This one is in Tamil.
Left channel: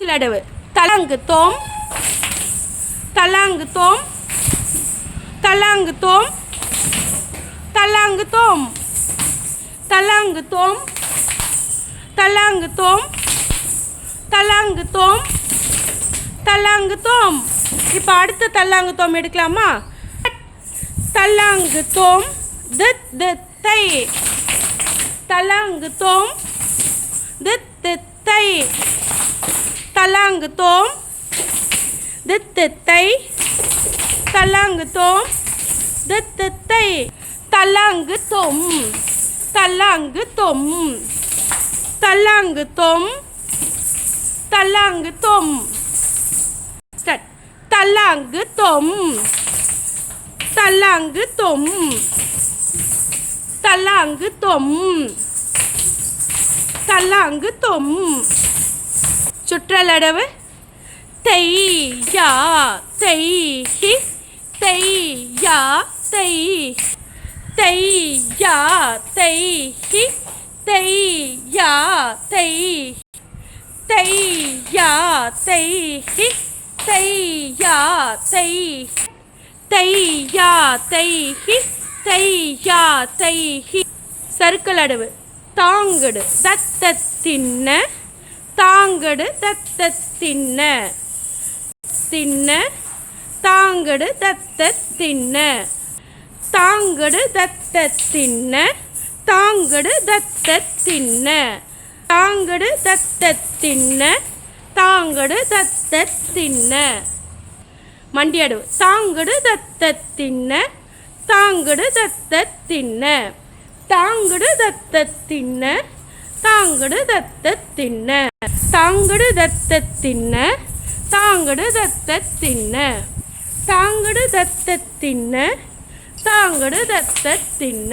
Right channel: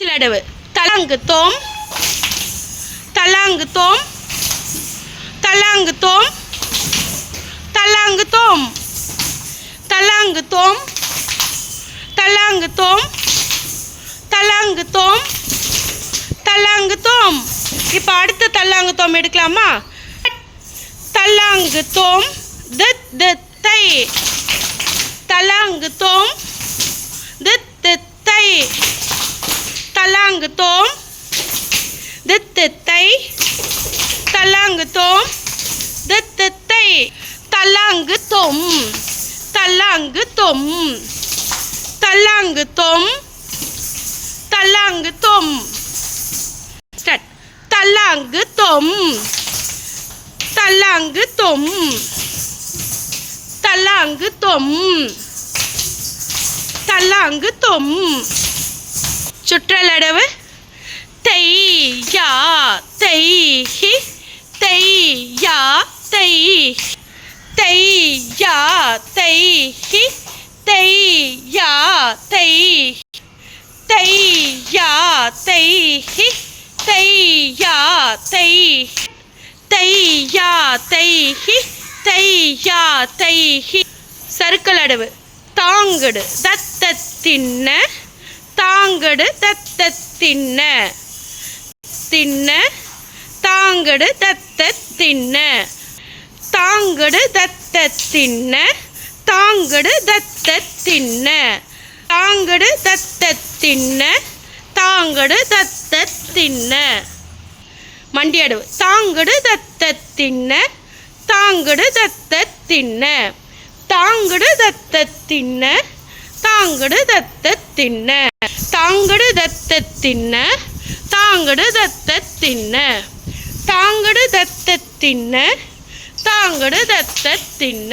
சிலடவு தலாங்கு தோம் தலாங்கு தோம் தலாங்கு தோம் தலாங்கு தோம் தலாங்கு தோம் தலாங்கு தோம் தலாங்கு தோம் தலாங்கு தோம். இப்போ அடுத்த தல்லாங்கு தோம் எடுக்கலாமா? தல்லாங்கு தோம் தித் தித்தை தலாங்கு தோம் தித் தித்தை தலாங்கு தோம் தித் தித்தை தலாங்கு தோம் தித் தித்தை தலாங்கு தோம் தலாங்கு தோம் தலாங்கு தோம் தலாங்கு தோம். ஸ்டார்ட். தலாங்கு தோம் தலாங்கு தோம் தலாங்கு தோம் தலாங்கு தோம். சுற்றலடவு தை யா தை ஹி தை யா தை தை யா தை ஹி தை யா தை தை யா தை ஹி தை யா தை தை யா தை ஹி தை யா தை ஹி. சறுக்கலடவு தாங்கடு தத்தத்தின்ன தாங்கடு தத்த தின்ன தின்ன தாங்கடு தத்த தின்ன தாங்கடு தத்த தின்ன தாங்கடு தத்த தின்ன தாங்கடு தத்த தின்ன தாங்கடு தத்த தின்ன. மண்டியடவு தாங்கடு தத்த தின்ன தாங்கடு தத்த தின்ன தாங்கடு தத்த தின்ன தாங்கடு தத்த தின்ன தாங்கடு தத்த தின்ன தாங்கடு தத்த தின்ன தாங்கடு தத்த தின்ன தாங்கடு தத்த தின்ன.